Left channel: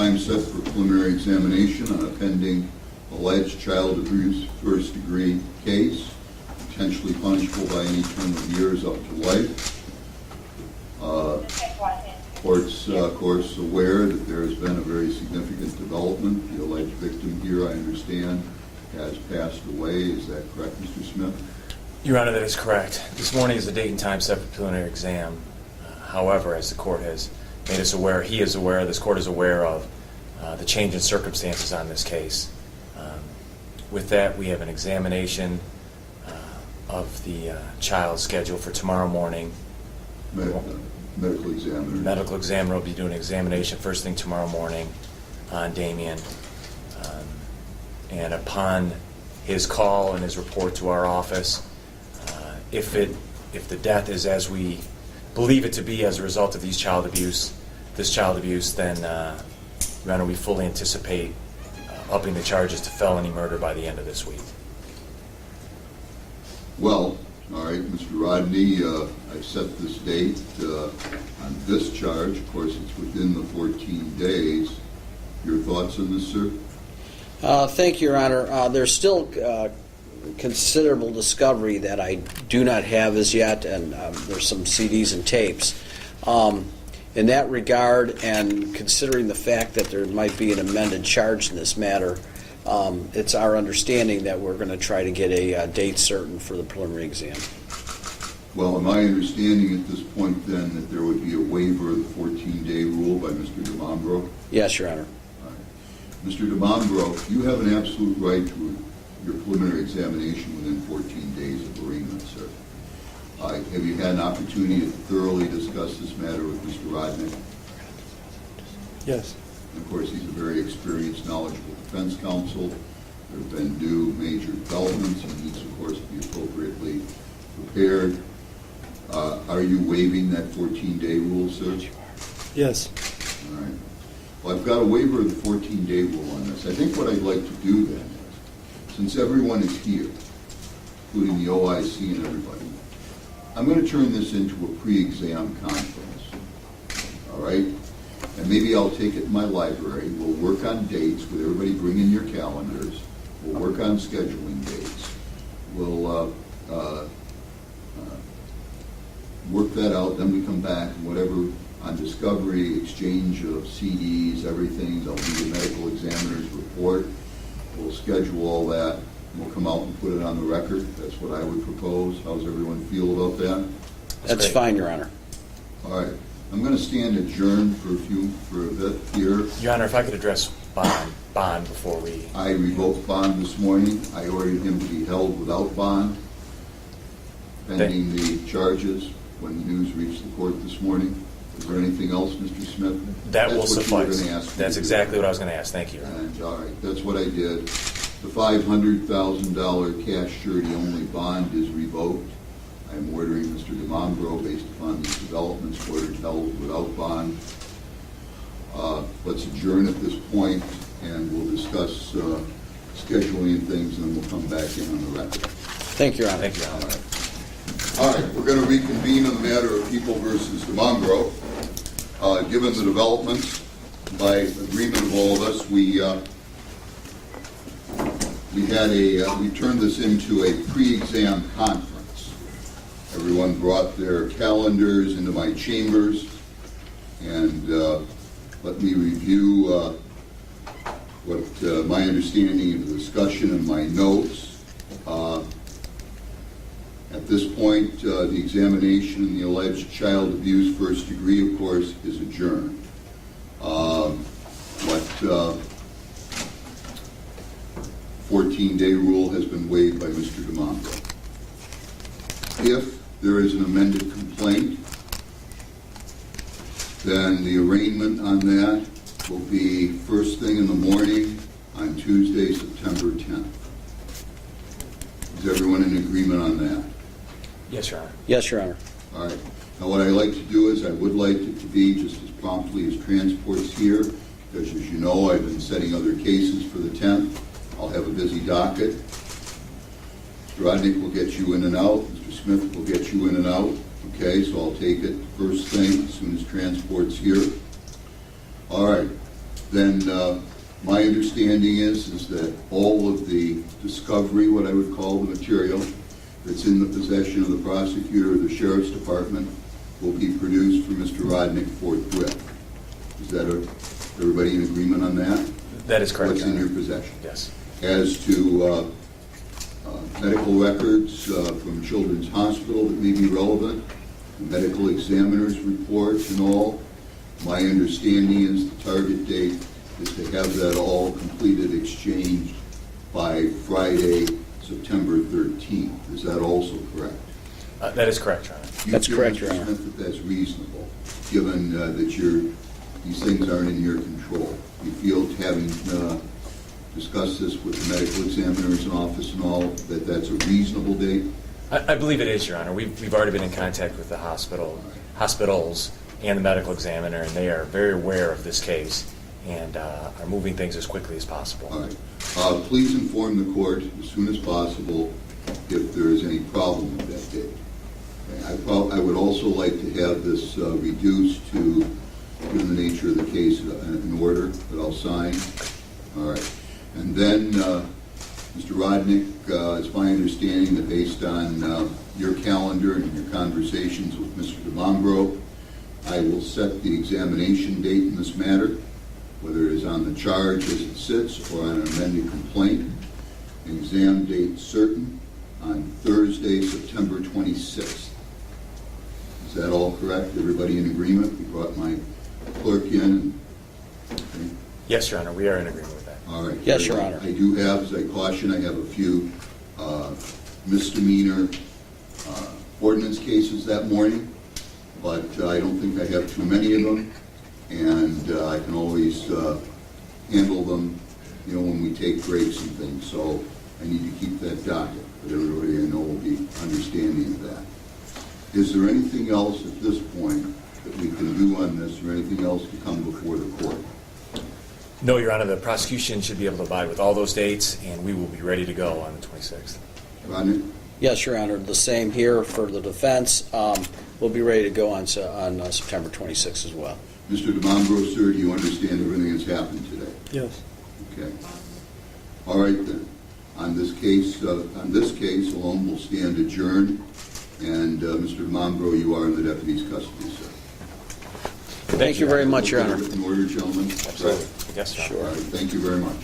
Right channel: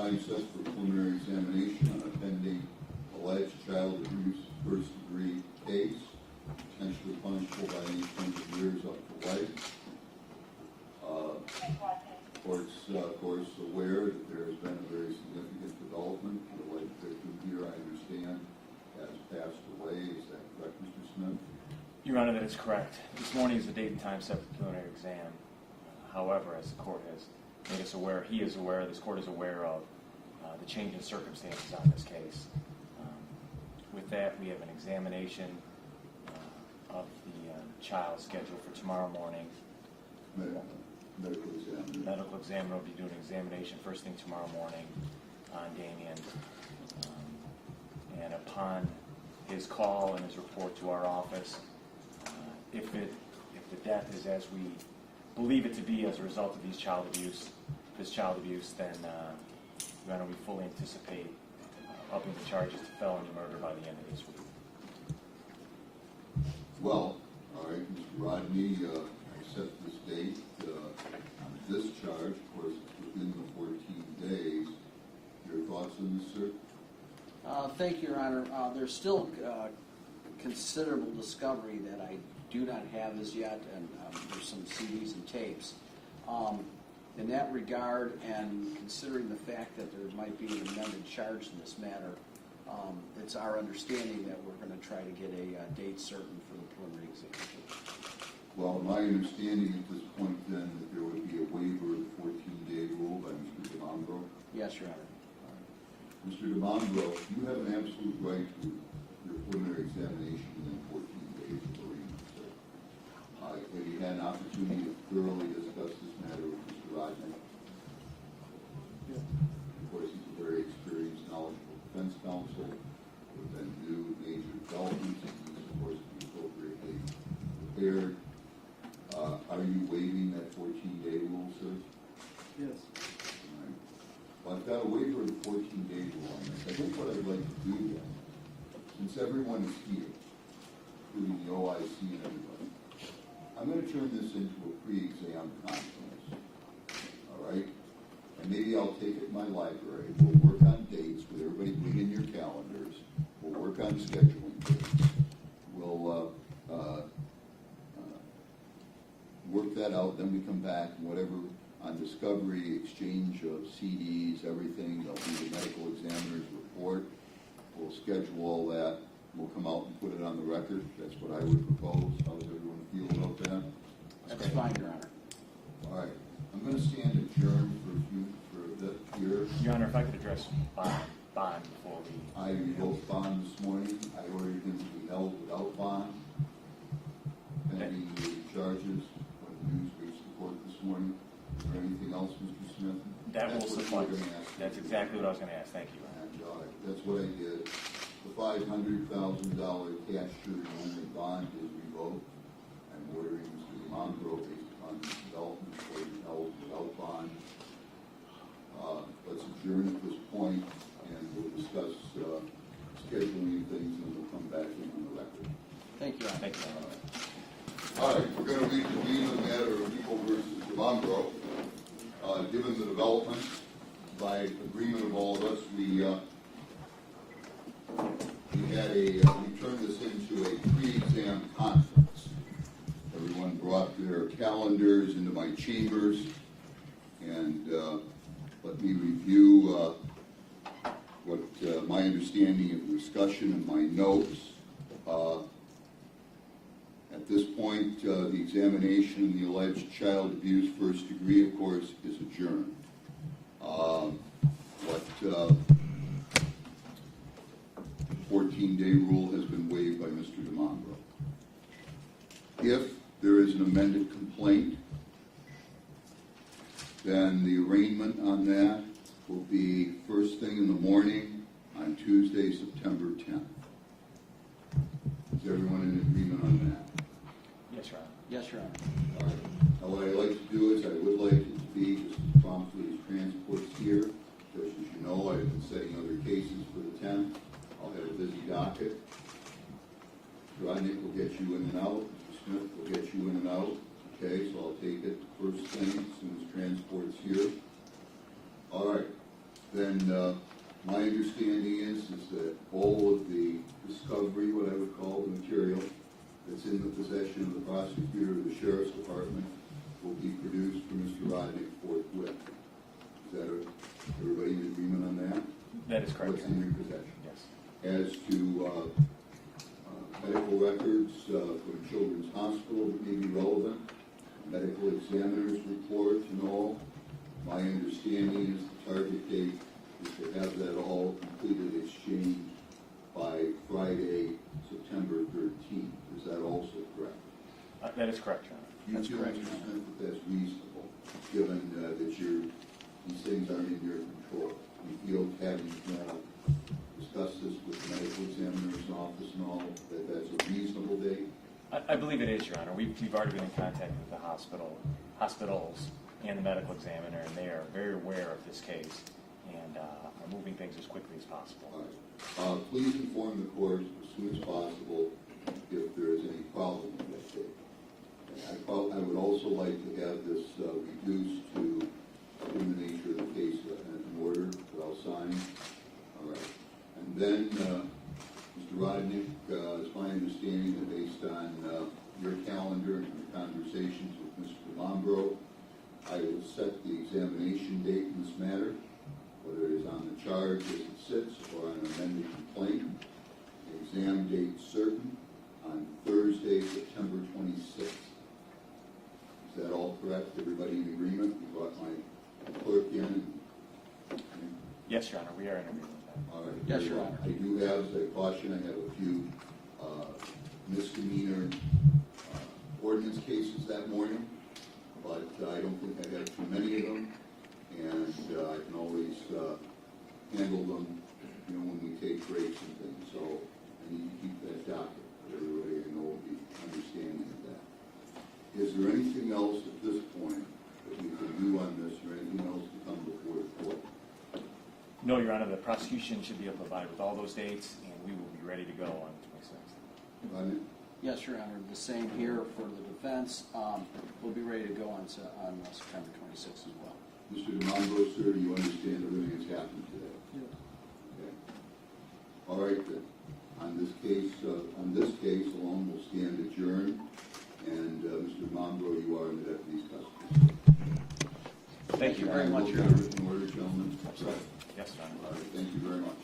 time set for preliminary examination on a pending alleged child abuse first-degree case, potentially punishable by any term of years up to life. Court's, of course, aware that there has been a very significant development. The alleged victim here, I understand, has passed away. Is that correct, Mr. Smith? Your Honor, that is correct. This morning is the date and time set for preliminary exam. However, as the court has made us aware, he is aware, this court is aware of the change in circumstances on this case. With that, we have an examination of the child scheduled for tomorrow morning. Medical examiner. Medical examiner will be doing an examination first thing tomorrow morning on Damian. And upon his call and his report to our office, if the death is as we believe it to be as a result of this child abuse, then Your Honor, we fully anticipate upping the charges to felony murder by the end of this week. Well, all right, Mr. Rodney, I've set this date on this charge. Of course, it's within the 14 days. Your thoughts on this, sir? Thank you, Your Honor. There's still considerable discovery that I do not have as yet, and there's some CDs and tapes. In that regard, and considering the fact that there might be an amended charge in this matter, it's our understanding that we're going to try to get a date certain for the preliminary exam. Well, am I understanding at this point then that there would be a waiver of the 14-day rule by Mr. Dimambro? Yes, Your Honor. All right. Mr. Dimambro, you have an absolute right to your preliminary examination within 14 days of bereavement, sir. Have you had an opportunity to thoroughly discuss this matter with Mr. Rodney? Yes. And of course, he's a very experienced, knowledgeable defense counsel. There have been new major developments. He needs, of course, to be appropriately prepared. Are you waiving that 14-day rule, sir? Yes. All right. Well, I've got a waiver of the 14-day rule on this. I think what I'd like to do then is, since everyone is here, including the OIC and everybody, I'm going to turn this into a pre-exam conference, all right? And maybe I'll take it in my library. We'll work on dates with everybody. Bring in your calendars. We'll work on scheduling dates. We'll work that out. Then we come back, whatever, on discovery, exchange of CDs, everything. There'll be the medical examiner's report. We'll schedule all that. We'll come out and put it on the record. That's what I would propose. How's everyone feel about that? That's fine, Your Honor. All right. I'm going to stand adjourned for a bit here. Your Honor, if I could address bond before we... I revoked bond this morning. I ordered him to be held without bond, pending the charges when the news reached the court this morning. Is there anything else, Mr. Smith? That will suffice. That's exactly what I was going to ask. Thank you, Your Honor. And, all right, that's what I did. The $500,000 cash surety-only bond is revoked. I'm ordering Mr. Dimambro, based upon these developments, ordered held without bond. Let's adjourn at this point, and we'll discuss scheduling things, and then we'll come back in on the record. Thank you, Your Honor. Thank you, Your Honor. All right, we're going to reconvene on the matter of People versus Dimambro. Given the developments, by agreement of all of us, we turned this into a pre-exam conference. Everyone brought their calendars into my chambers, and let me review what my understanding of the discussion and my notes. At this point, the examination in the alleged child abuse first degree, of course, is adjourned. But 14-day rule has been waived by Mr. Dimambro. If there is an amended complaint, then the arraignment on that will be first thing in the morning on Tuesday, September 10th. Is everyone in agreement on that? Yes, Your Honor. Yes, Your Honor. All right. Now, what I like to do is I would like it to be just as promptly as transport's here, because as you know, I've been setting other cases for the 10th. I'll have a busy docket. Mr. Rodnick will get you in and out. Mr. Smith will get you in and out. Okay, so I'll take it first thing as soon as transport's here. All right. then my understanding is that all of the discovery, what I would call the material, that's in the possession of the prosecutor or the sheriff's department will be produced for Mr. Rodnick forthwith. Is that everybody in agreement on that? That is correct, What's Your in your Honor. possession? Yes. As to medical records from Children's Hospital that may be relevant, medical examiner's reports and all, my understanding is the target date is to have that all completed, exchanged by Friday, September 13th. Is that also correct? That is correct, Your Honor. That's correct, Your Honor. Do you feel, Mr. Smith, that that's reasonable, given that these things aren't in your control? You feel, having discussed this with the medical examiner's office and all, that that's a reasonable date? I believe it is, Your Honor. We've already been in contact with the hospitals and the medical examiner, and they are very aware of this case and are moving things as quickly as possible. All right. Please inform the court as soon as possible if there is any problem with that date. I would also like to have this reduced to, given the nature of the case, an order that I'll sign. All right. And then, Mr. Rodnick, it's my understanding that based on your calendar and your conversations with Mr. Dimambro, I will set the examination date in this matter, whether it is on the charge as it sits or on an amended complaint. An exam date certain on Thursday, September 26th. Is that all correct? Everybody in agreement? We brought my clerk in. Okay. Yes, Your Honor, we are in agreement with that. All right. Yes, Your Honor. I do have, as I caution, I have a few misdemeanor ordinance cases that morning, but I don't think I have too many of them, and I can always handle them, when we take breaks and things. So I need to keep that docket, but everybody I know will be understanding of that. Is there anything else at this point that we can do on this, or anything else to come before the court? No, Your Honor, the prosecution should be able to abide with all those dates, and we will be ready to go on the 26th. Rodney? Yes, Your Honor, the same here for the defense. We'll be ready to go on September 26th as well. Mr. Dimambro, sir, do you understand everything that's happened today? Yes. Okay. All right then. On this case alone, we'll stand adjourned. And Mr. Dimambro, you are in the deputy's custody, sir. Thank you very much, Your Honor. In order, gentlemen. Absolutely. Yes, Your Honor. All right. Thank you very much.